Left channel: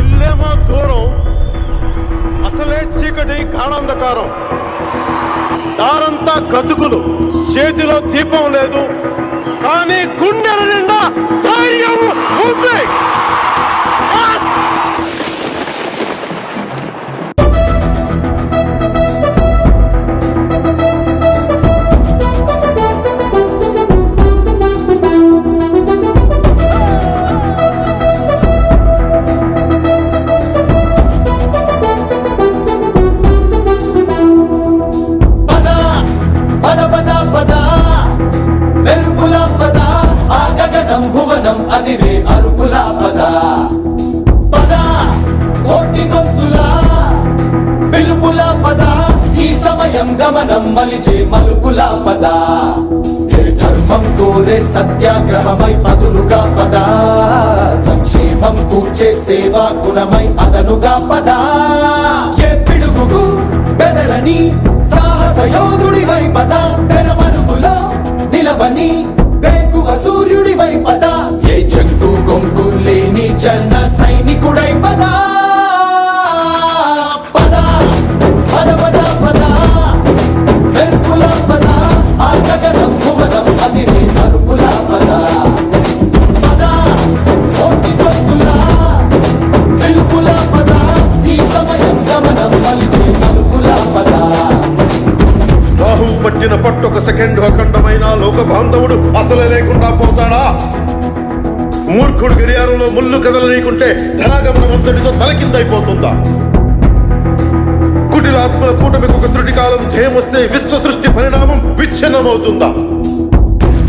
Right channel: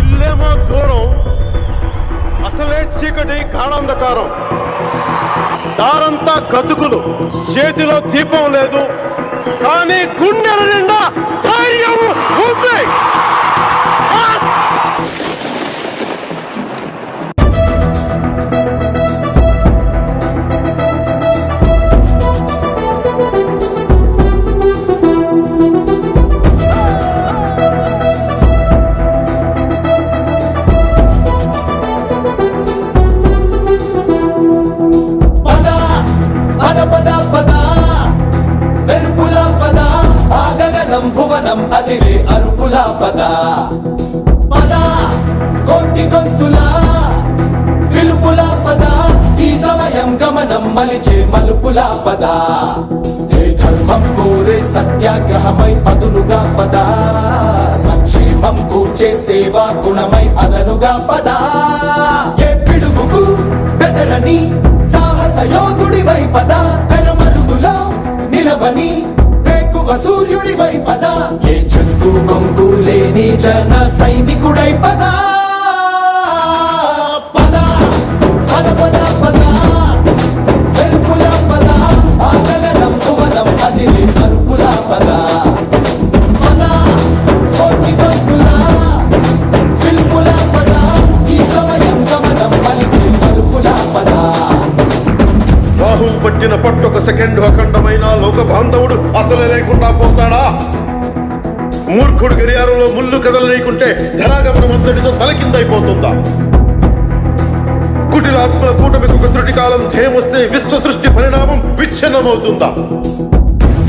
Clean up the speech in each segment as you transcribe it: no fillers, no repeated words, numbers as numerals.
ఇల్లేమో దూరం, అసలే చీకటి గాఢాంధకారం, దారంతా గతుకులు, చేతిలో దీపం లేదు, కానీ గుండెల నిండా ధైర్యం ఉంది. గమనం మలిచే మలుపుల పద, ఏ ధర్మం కోరే సత్యాగ్రహమై పదులుగా పద, సంక్షేమం కూర్చే సేవా గుణమై అదనుగా పద, ఏ పిడుగుకు బెదరని సాహస యోధుడివై పద, తెరమరుగులో నిలవని వేకువ సూర్యుడివై పద, ఏ చెక్కు కొంకు లేని జన సైనికుడై పద. రాహు పట్టిన పట్టొక సెకండ్ అఖండమైన లోక బాంధవుడు అసలే లేకుండా పోతాడా? మూర్ఖుడు గడియారంలో ముళ్ళు కదలనీకుంటే ధనాగమనం అంతటితో తలకిందైపోతుందా? కుటిలాత్మల కూటమికి ఒక త్రుటి కాలం జయమొస్తే విశ్వ సృష్టి పరిణామం విచ్ఛిన్నమవుతుందా?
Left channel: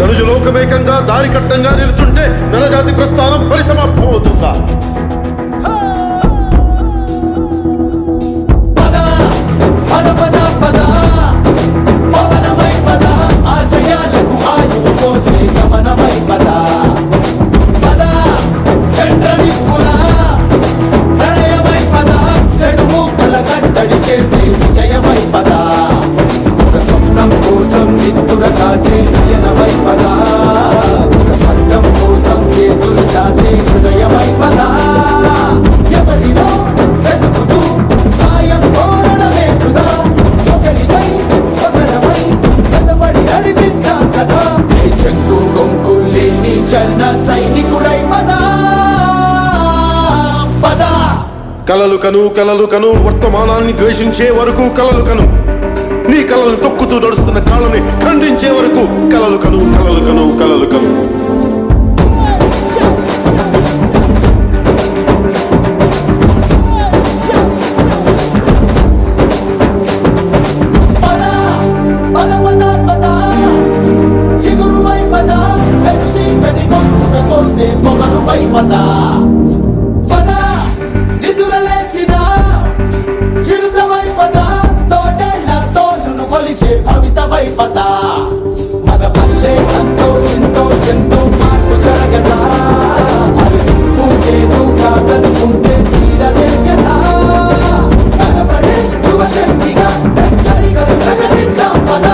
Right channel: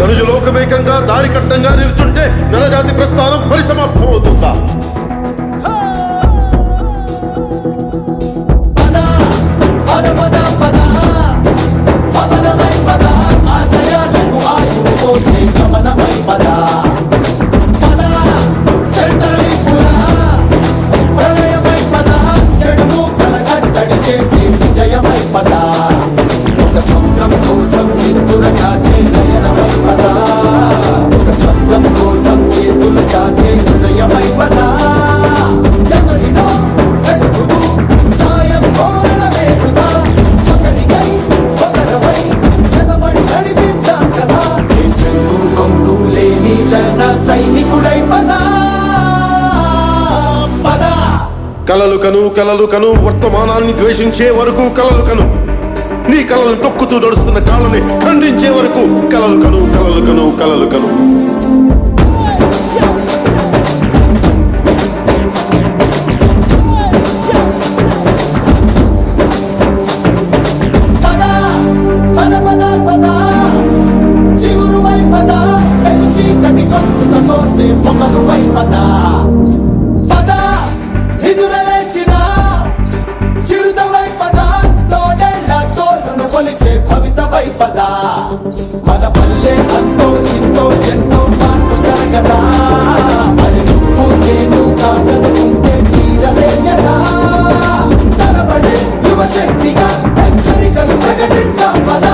ధనుజు లోకమేకంగా దారి కట్టంగా నిలుచుంటే నరజాతి ప్రస్థానం పరిసమాప్తం అవుతుందా? కలలు కను కలలు కను, వర్తమానాన్ని ద్వేషించే వరకు కలలు కను, నీ కలలను తొక్కుతూ నడుస్తున్న కాళ్ళని ఖండించే వరకు కలలు కను కలలు కను కలలు కను. మన పల్లె అంతో ఎంతో ఎంతో మార్పు జరగదా, మరి నువ్వు నేను కాదనుకుంటే తీరలే కదా. తలబడే యువశక్తిగా హెచ్చరికలు ప్రకటిద్దాం పద,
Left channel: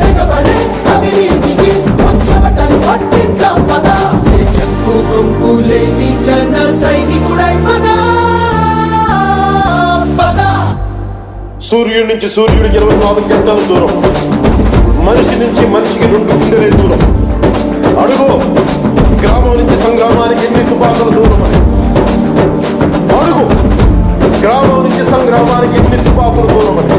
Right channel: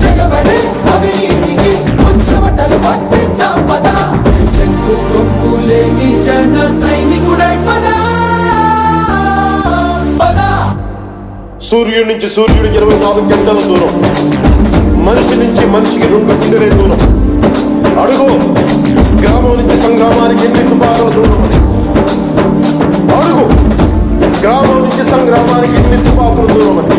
తెగబడే అవినీతికి ఉచ్చమటలు పట్టిద్దాం పద, చెక్కు కొంపు లేని జన సైనికుడై పద. సూర్యుడి నుంచి సూర్యుడికి 24 గంటల దూరం, మనిషి నుంచి మనిషికి 2 గుండెలే దూరం. అడుగు గ్రామం నుంచి సంగ్రామానికి ఎన్ని తుపాకుల దూరం అని. అడుగు గ్రామం నుంచి సంగ్రామానికి ఎన్ని తుపాకుల దూరం అని.